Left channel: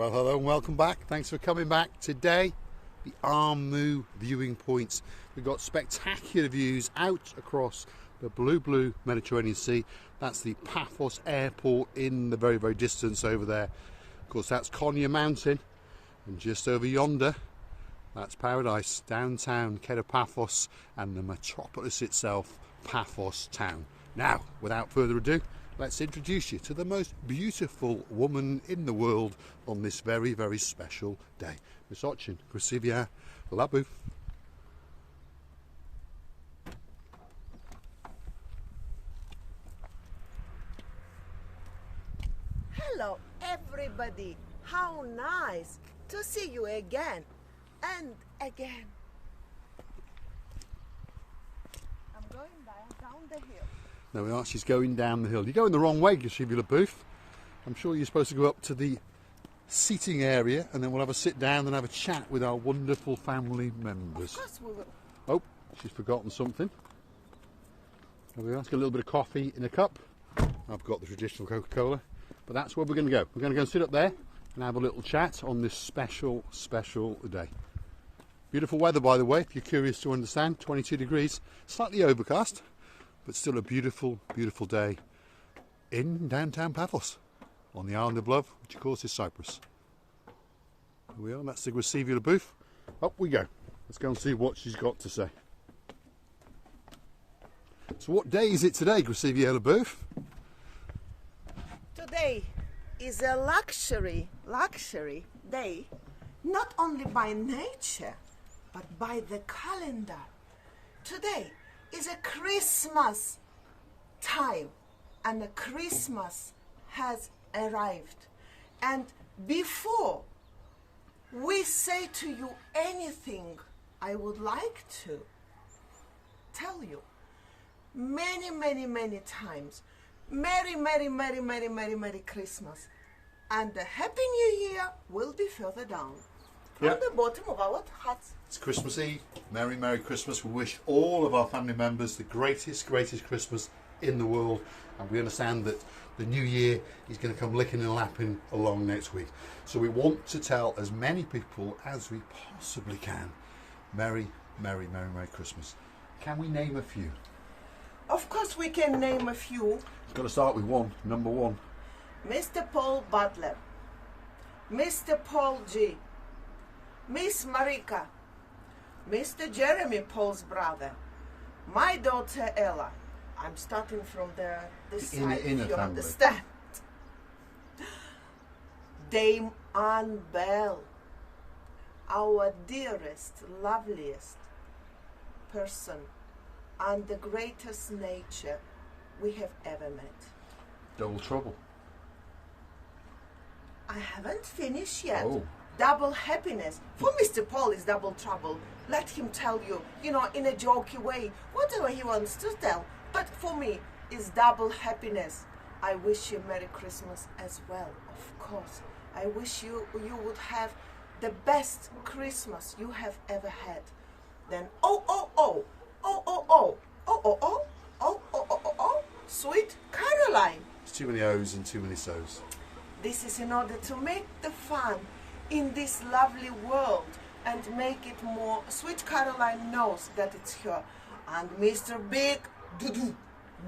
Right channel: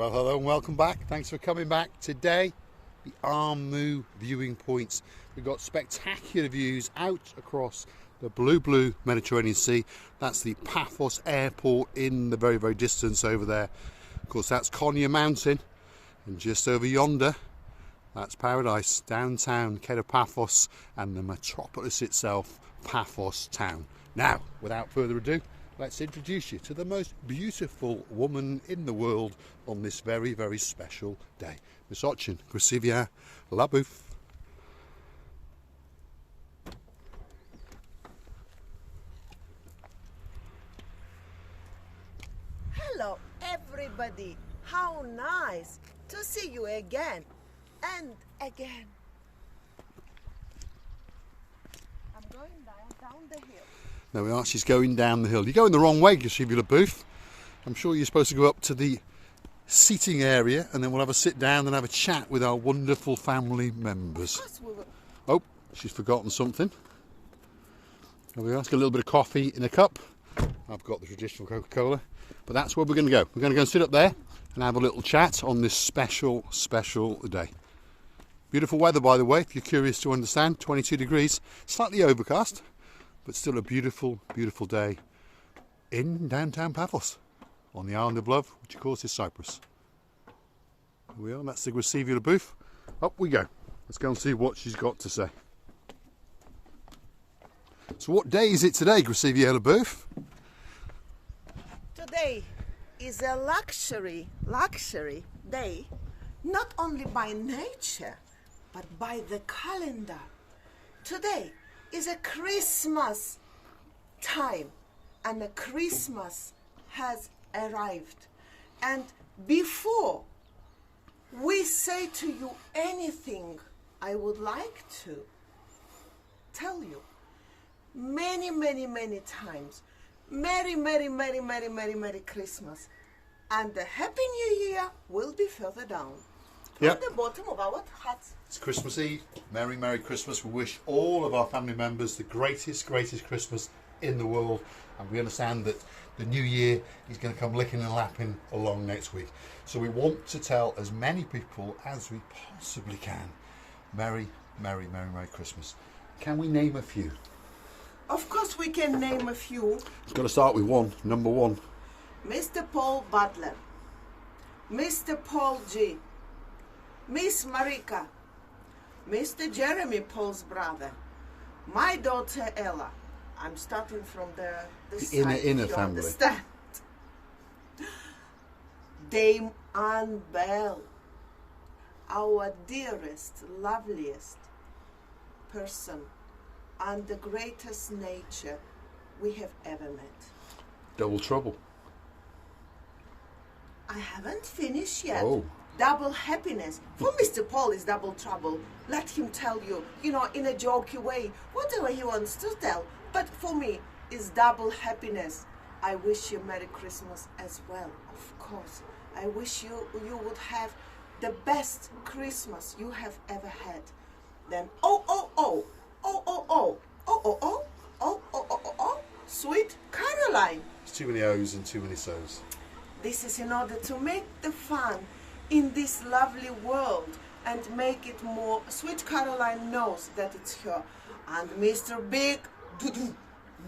Well, hello and welcome back. Thanks for coming back. Today, the Armu viewing points. We've got spectacular views out across the blue Mediterranean Sea. That's the Paphos airport in the very distance over there. Of course, that's Konya Mountain, and just over yonder, that's paradise, downtown Paphos, and the metropolis itself, Paphos town. Now, without further ado, let's introduce you to the most beautiful woman in the world on this very special day. Miss Ochin, Gracivia Labu. Hello everybody, how nice to see you again and again. I'm going down the hill. There we are, she's going down the hill. You're going the wrong way, Gracivia Labu. I'm sure you're supposed to go up to the seating area and then we'll have a sit down and have a chat with our wonderful family members. Of course we will. Oh, she's forgotten something. There we are, let's get a little bit of coffee in a cup. I've got the traditional Coca-Cola, but that's where we're going to go. We're going to go and sit up there and have a little chat on this special day. Beautiful weather, by the way, if you're curious to understand. 22 degrees, slightly overcast, but still a beautiful day in downtown Paphos on the island of love, which of course is Cyprus. Here we are, that's the Gracivia Labu. Up we go. Let's go and see what she's got to say. So what day is it today, Gracivia Labu? Today is a luxury day, not only by nature, but by the calendar. Today is a Christmas time, and a Christmas has arrived. And before we say to you anything, I would like to tell you many times, Merry Christmas. And the Happy New Year will be further down from the bottom of our hats. It's Christmas Eve. Merry Christmas. We wish all of our family members the greatest Christmas in the world. And we understand that the new year is going to come licking and lapping along next week. So we want to tell as many people as we possibly can, Merry Christmas. Can we name a few? Of course we can name a few. It's got to start with one, number one. Mr. Paul Butler, Mr. Paul G, Miss Marika, Mr. Jeremy, Paul's brother, my daughter Ella. I'm starting from this side, inner you family. Understand? Dame Anne Bell, our dearest, loveliest person and the greatest nature we have ever met. Double trouble. I haven't finished yet. Oh. Double happiness. For Mr. Paul is double trouble. Let him tell you, in a jokey way, whatever he wants to tell. But for me, it's double happiness. I wish you Merry Christmas as well, of course. I wish you would have the best Christmas you have ever had. Then, sweet Caroline. There's too many O's and too many So's. This is in order to make the fun in this lovely world and make it more. Sweet Caroline knows that it's her. And Mr. Big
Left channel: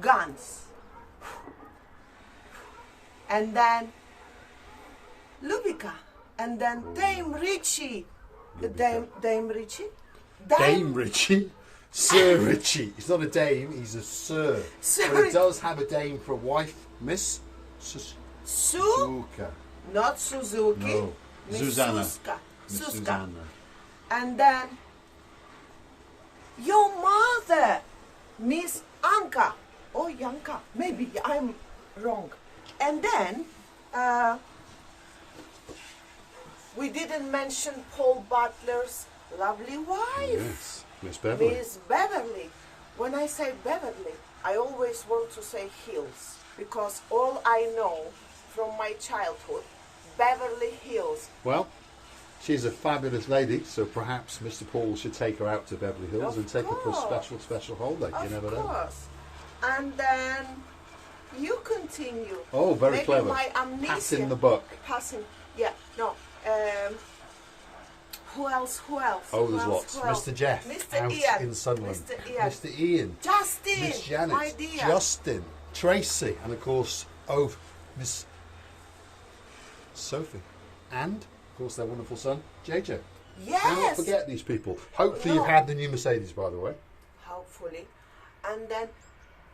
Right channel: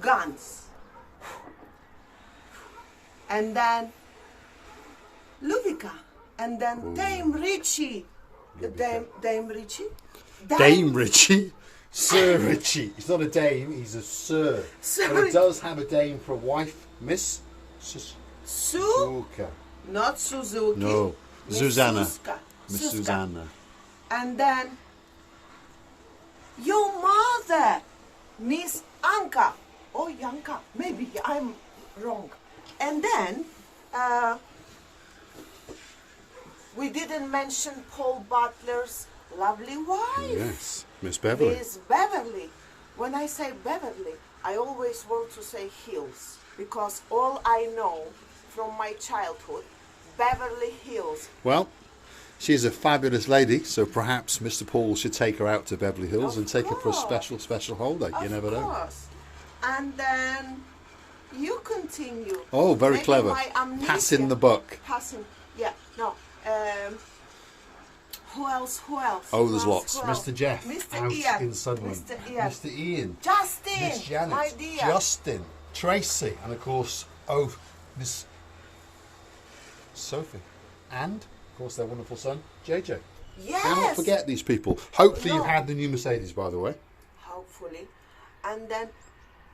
Guns. And then Lubica. And then Dame Richie. Dame Richie? Dame Richie? Sir Richie. He's not a dame, he's a sir. But he does have a dame for a wife, Miss Suzuka. Not Suzuki. No. Miss Susanna. Miss Miss Susanna. And then your mother, Miss Anka. Oh, Yanka. Maybe I'm wrong. And then we didn't mention Paul Butler's lovely wife. Yes, Miss Beverly. Miss Beverly. When I say Beverly, I always want to say Hills, because all I know from my childhood, Beverly Hills. Well, she's a fabulous lady, so perhaps Mr. Paul should take her out to Beverly Hills and take her for a special holiday. You never know. Of course. And then you continue. Oh, very Maybe clever. My amnesia, Passing the buck. Passing, yeah. No. Who else? Oh, there's lots. Mr. Jeff, Mr. out Ian. in Sunderland. Mr. Ian. Justin. Miss Janet. My dear. Justin. Tracy. And of course, Miss Sophie. And, of course, their wonderful son, JJ. Yes. Do not forget these people. Hopefully you've had the new Mercedes, by the way. Hopefully. And then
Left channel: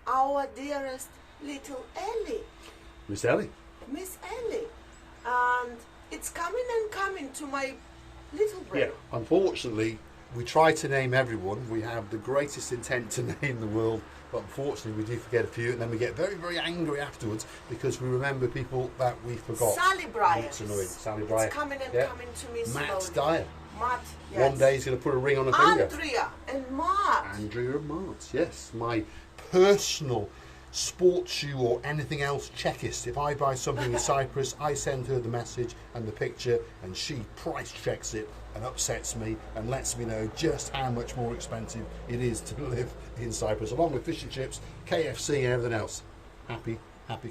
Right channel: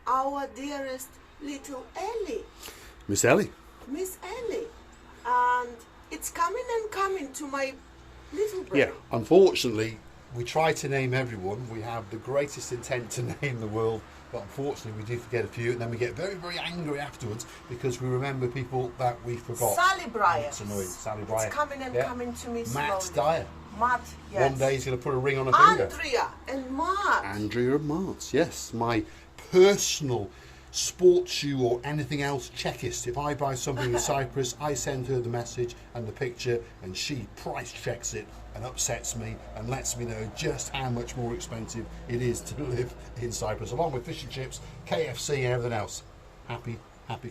our dearest little Ellie. Miss Ellie. Miss Ellie. And it's coming and coming to my little brain. Yeah, unfortunately, we try to name everyone. We have the greatest intent to name the world, but unfortunately we do forget a few, and then we get very, very angry afterwards because we remember people that we forgot. Sally Bryan. It's annoying. Sally Bryan. It's coming and coming to me Matt slowly. Dyer. Matt, yes. One day he's going to put a ring on her finger. Andrea and Matt. Andrea and Matt, yes. My personal sports shoe or anything else checkist. If I buy something in Cyprus, I send her the message and the picture, and she price checks it and upsets me and lets me know just how much more expensive it is to live in Cyprus, along with fish and chips, KFC and everything else. Happy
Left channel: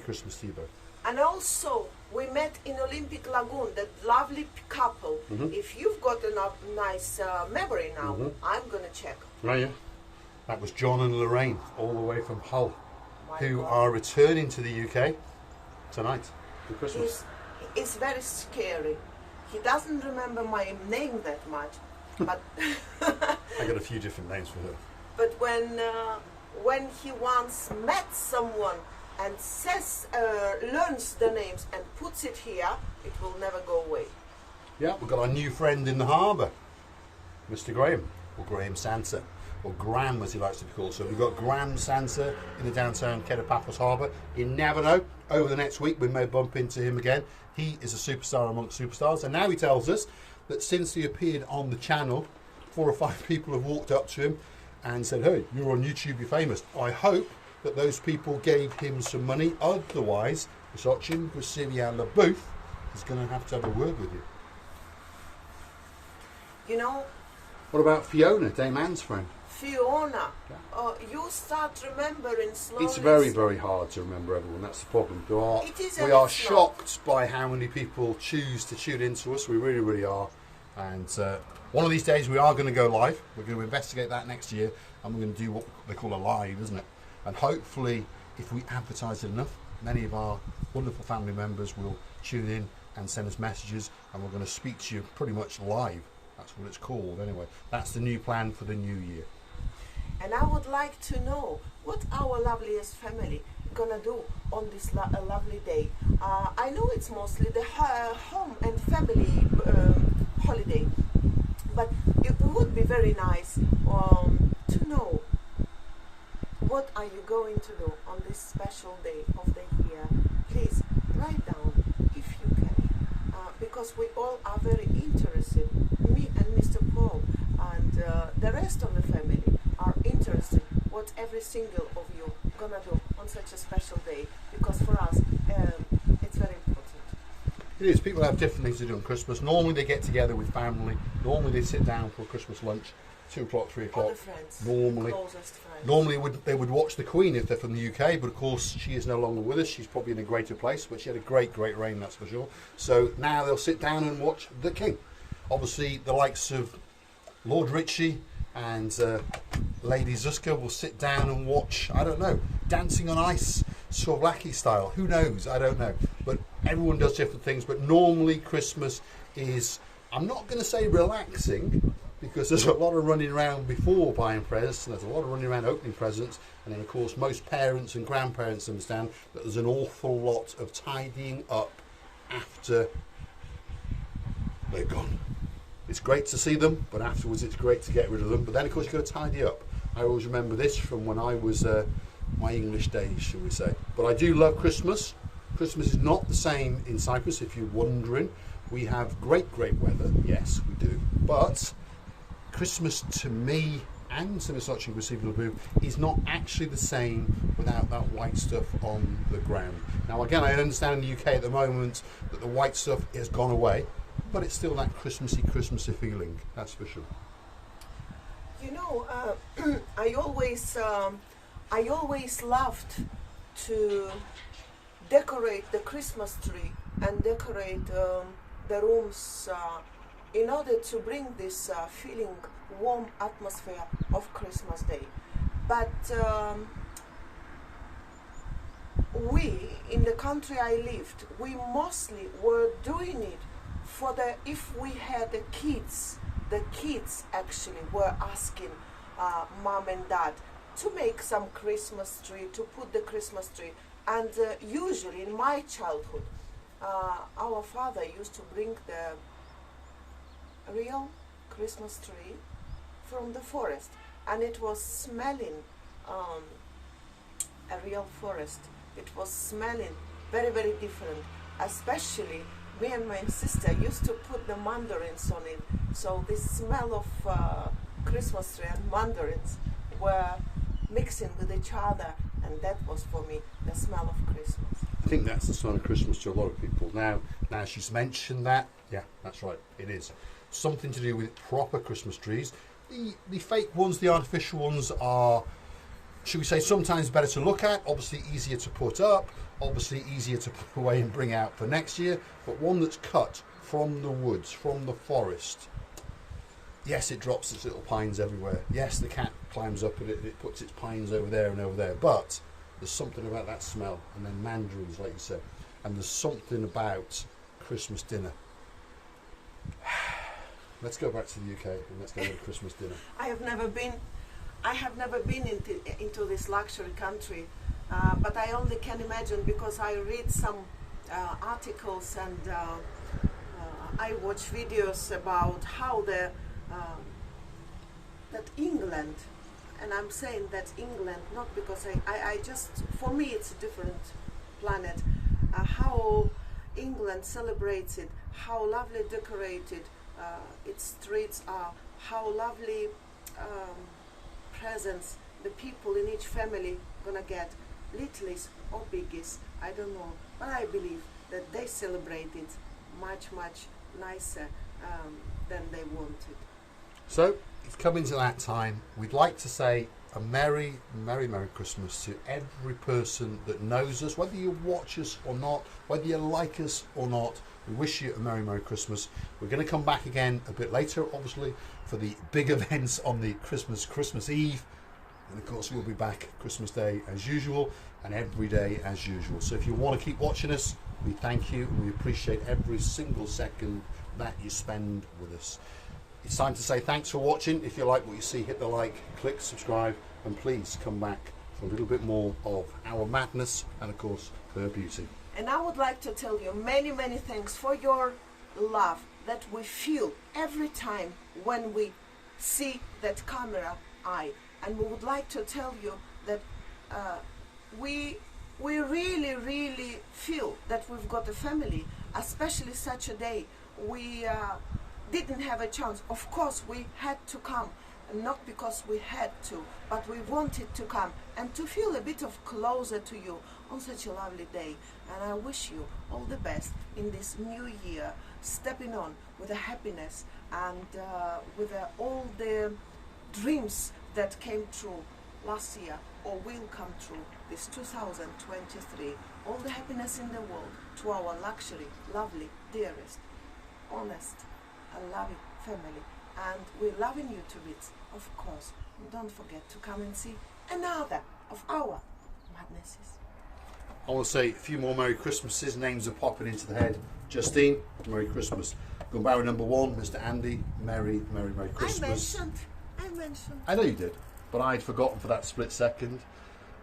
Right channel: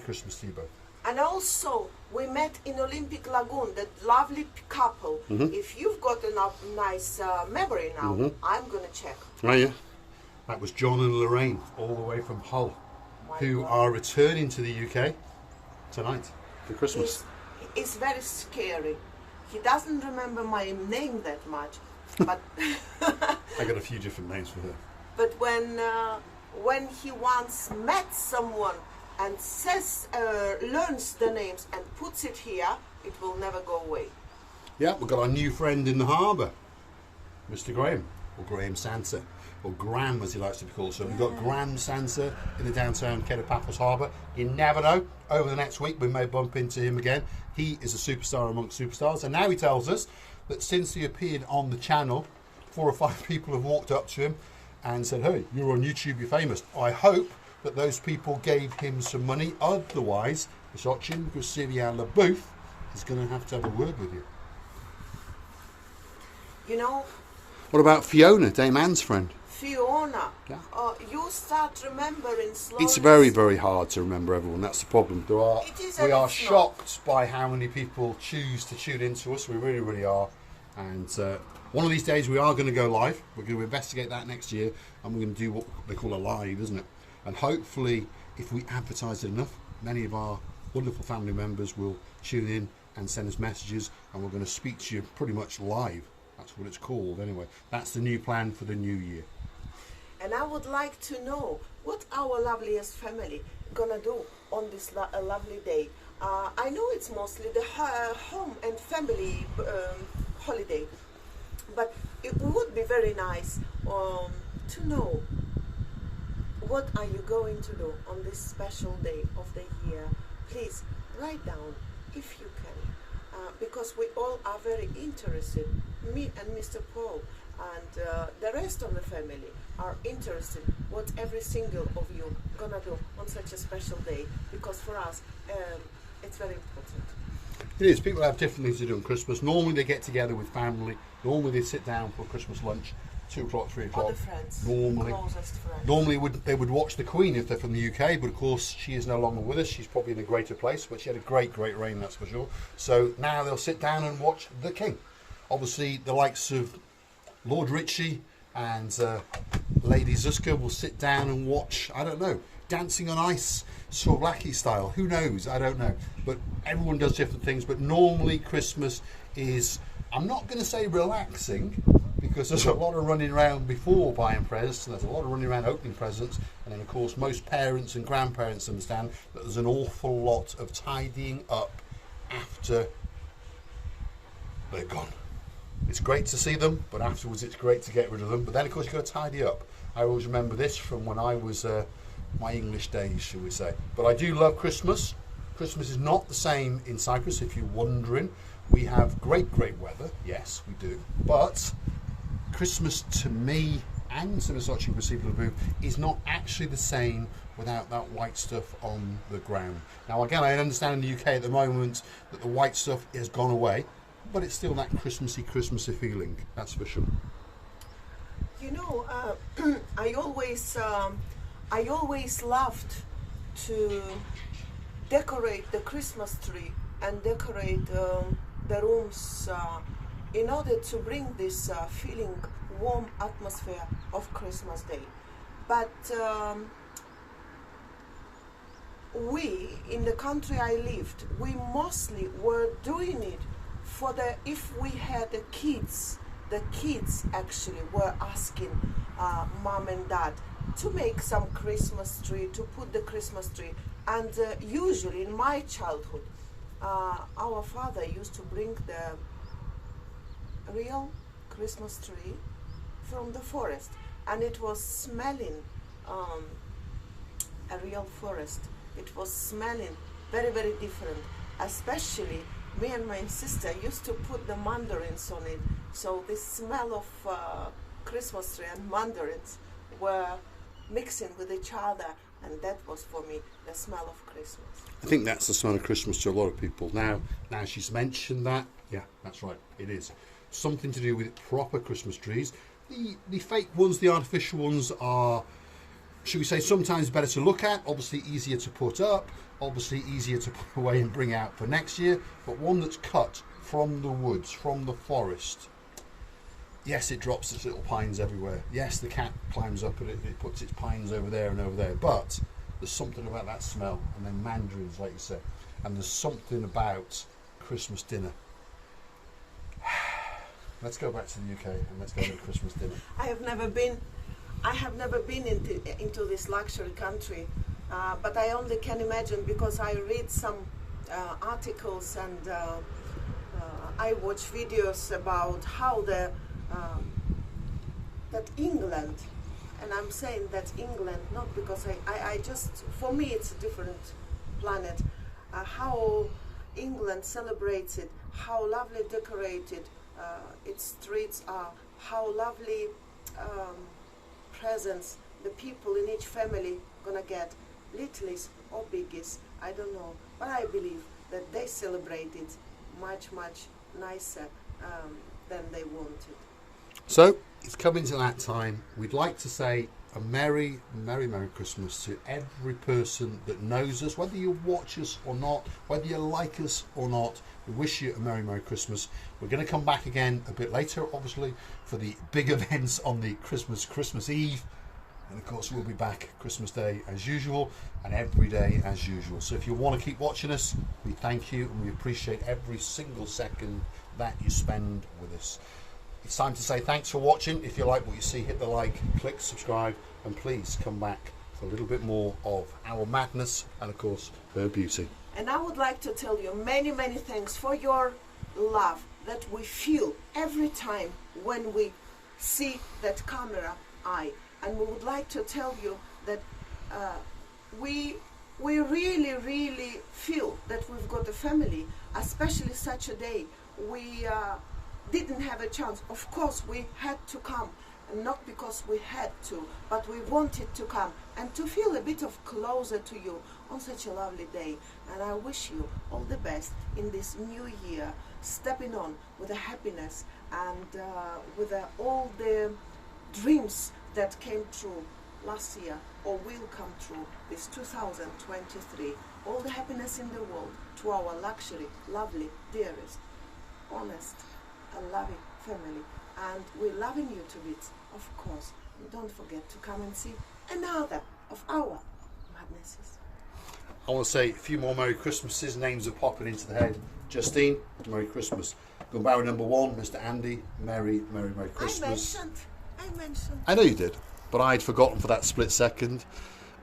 Christmas to you both. And also, we met in Olympic Lagoon, that lovely couple. If you've got a nice memory now, I'm going to check. Right, yeah. That was John and Lorraine, all the way from Hull, who are returning to the UK tonight for Christmas. It's very scary. He doesn't remember my name that much, but I got a few different names for her. But when he once met someone and says, learns the names and puts it here, it will never go away. Yeah, we've got our new friend in the harbour, Mr. Graham, or Graham Santa, or Graham as he likes to be called. So we've got Graham Santa in the downtown Paphos Harbour. You never know, over the next week we may bump into him again. He is a superstar amongst superstars, and now he tells us that since he appeared on the channel, 4 or 5 people have walked up to him and said, "Hey, you're on YouTube, you're famous." I hope that those people gave him some money, otherwise Sochin Gusiria LaBouffe is going to have a word with you. You know, what about Fiona, Dame Anne's friend? Fiona, you start remembering slowly. It's very, very hard to remember everyone. That's the problem. We are shocked by how many people choose to tune into us. We really, really are. And one of these days we are going to go live. We're going to investigate that next year, and we're going to do what they call a live, isn't it? And hopefully, if we advertise it enough, many of our wonderful family members will tune in and send us messages, and we're going to speak to you pretty much live. That's what it's called anyway. That's the new plan for the new year. And I would like to know what our loveliest family gonna do on this lovely day. I know it's mostly the home and family holiday, but it would be very nice to know what are you going to do on this special day of the year. Please write down if you can, because we all are very interested. Me and Mr. Paul and the rest of the family are interested what every single of you gonna do on such a special day, because for us it's very important. It is. People have different things to do on Christmas. Normally they get together with family. Normally they sit down for a Christmas lunch, 2 o'clock, 3 o'clock. All the friends, normally, the closest friends. Normally they would watch the Queen if they're from the UK, but of course she is no longer with us. She's probably in a greater place, but she had a great reign, that's for sure. So now they'll sit down and watch the King. Obviously the likes of Lord Ritchie and Lady Zuska will sit down and watch, I don't know, Dancing on Ice, Souvlaki style. Who knows? I don't know. But everyone does different things. But normally Christmas is, I'm not going to say relaxing, because there's a lot of running around before buying presents, and there's a lot of running around opening presents, and then of course most parents and grandparents understand that there's an awful lot of tidying up after they're gone. It's great to see them, but afterwards it's great to get rid of them. But then of course you've got to tidy up. I always remember this from when I was my English days, shall we say. But I do love Christmas. Christmas is not the same in Cyprus, if you're wondering. We have great weather, yes we do, but Christmas to me and to Miss Sochin Gusiria is not actually the same without that white stuff on the ground. Now again, I understand in the UK at the moment that the white stuff has gone away, but it's still that Christmassy feeling, that's for sure. You know, I always loved to decorate the Christmas tree and decorate the rooms in order to bring this feeling, warm atmosphere of Christmas Day. But we, in the country I lived, we mostly were doing it for if we had the kids actually were asking mom and dad to make some Christmas tree, to put the Christmas tree. And usually in my childhood, our father used to bring the real Christmas tree from the forest, and it was smelling a real forest. It was smelling very, very different. Especially me and my sister used to put the mandarins on it, so the smell of Christmas tree and mandarins were mixing with each other, and that was for me the smell of Christmas. I think that's the smell of Christmas to a lot of people. Now she's mentioned that, yeah, that's right, it is. Something to do with proper Christmas trees. The fake ones, the artificial ones are, should we say, sometimes better to look at, obviously easier to put up, obviously easier to put away and bring out for next year, but one that's cut from the woods, from the forest. Yes, it drops its little pines everywhere. Yes, the cat climbs up and it puts its pines over there and over there, but there's something about that smell, and then mandarins, like you said, and there's something about Christmas dinner. Let's go back to the UK and let's go to Christmas dinner. I have never been into this luxury country, but I only can imagine, because I read some articles and I watch videos about how that England, and I'm saying that England not because I just, for me it's a different planet, how England celebrates it, how lovely decorated its streets are, how lovely presents the people in each family gonna get, littlies or biggies, I don't know, but I believe that they celebrate it much nicer than they wanted. So it's coming to that time. We'd like to say a merry Christmas to every person that knows us, whether you watch us or not, whether you like us or not. We wish you a merry Christmas. We're going to come back again a bit later, obviously, for the big events on the Christmas Eve. And of course, we'll be back Christmas Day as usual and every day as usual. So if you want to keep watching us, we thank you and we appreciate every single second that you spend with us. It's time to say thanks for watching. If you like what you see, hit the like, click subscribe, and please come back for a little bit more of our madness and of course her beauty. And I would like to tell you many thanks for your love that we feel every time when we see that camera eye. And we would like to tell you that we really feel that we've got a family, especially such a day. We didn't have a chance. Of course, we had to come, not because we had to, but we wanted to come and to feel a bit of closer to you on such a lovely day. And I wish you all the best in this new year, stepping on with the happiness and with all the dreams that came true last year or will come true this 2023. All the happiness in the world to our luxury, lovely, dearest, honest and loving family. And we're loving you to bits, of course. And don't forget to come and see another of our madnesses. I want to say a few more Merry Christmases. Names are popping into the head. Justine, Merry Christmas. Gumbarra number 1, Mr. Andy, Merry Christmas. I mentioned. I know you did, but I'd forgotten for that split second.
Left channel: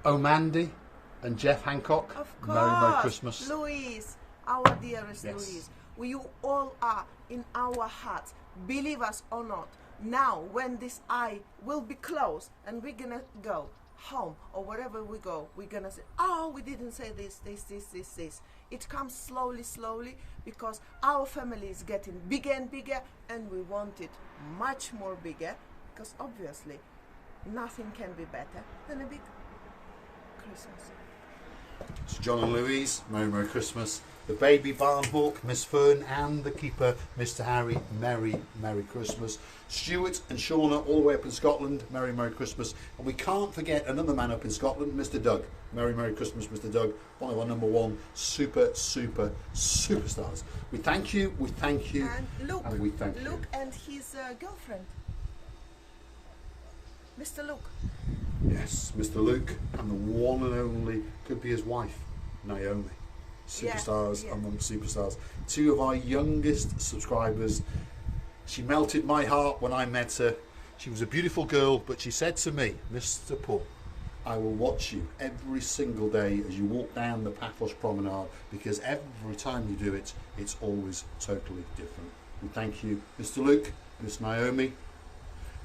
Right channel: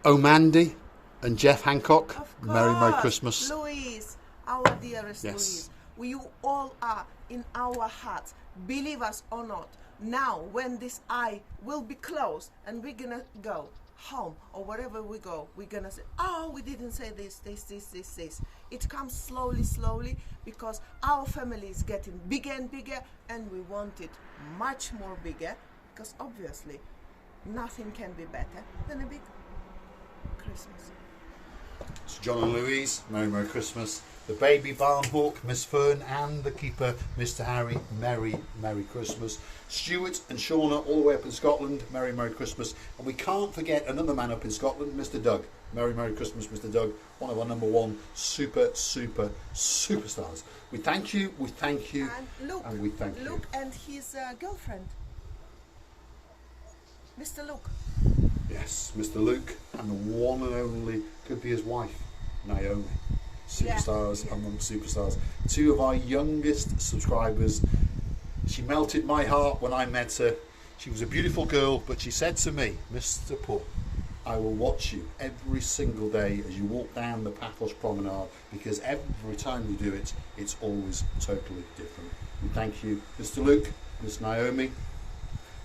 Mandy and Jeff Hancock, Of course. Merry Christmas. Louise, our dearest Yes. Louise. You all are in our hearts, believe us or not. Now, when this eye will be closed and we're gonna go home or wherever we go, we're gonna say, oh, we didn't say this. It comes slowly because our family is getting bigger and bigger, and we want it much more bigger, because obviously nothing can be better than a big Christmas. Sir John and Louise, Merry Merry Christmas. The baby barn hawk, Miss Fern, and the keeper, Mr. Harry, Merry Merry Christmas. Stuart and Shauna, all the way up in Scotland, Merry Merry Christmas. And we can't forget another man up in Scotland, Mr. Doug. Merry Merry Christmas, Mr. Doug, one of our #1 superstars. We thank you, and we thank you. Luke and his girlfriend, Mr. Luke. Yes, Mr. Luke, and the one and only, could be his wife, Naomi. Superstars amongst superstars. 2 of our youngest subscribers. She melted my heart when I met her. She was a beautiful girl, but she said to me, Mr. Paul, I will watch you every single day as you walk down the Paphos promenade, because every time you do it, it's always totally different. We thank you, Mr. Luke, Miss Naomi.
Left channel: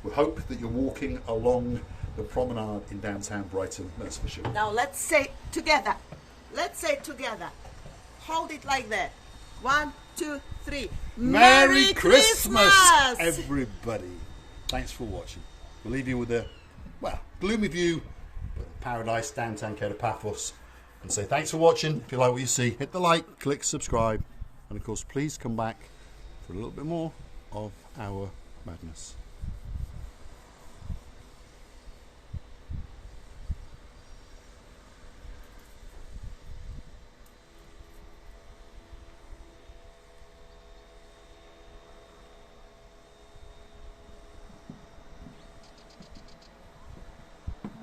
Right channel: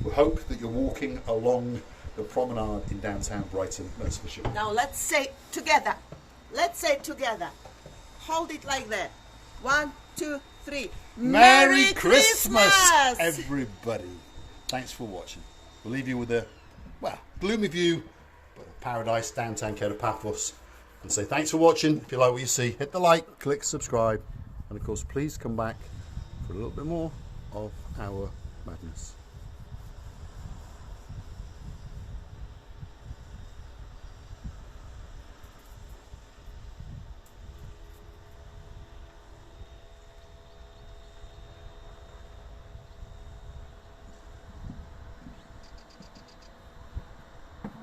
We hope that you're walking along the promenade in downtown Brighton, that's for sure. Now let's say it together. Let's say it together. Hold it like that. 1, 2, 3. Merry Christmas, everybody. Thanks for watching. We'll leave you with a, well, gloomy view, but of paradise, downtown Paphos. And say thanks for watching. If you like what you see, hit the like, click subscribe. And of course, please come back for a little bit more of our madness.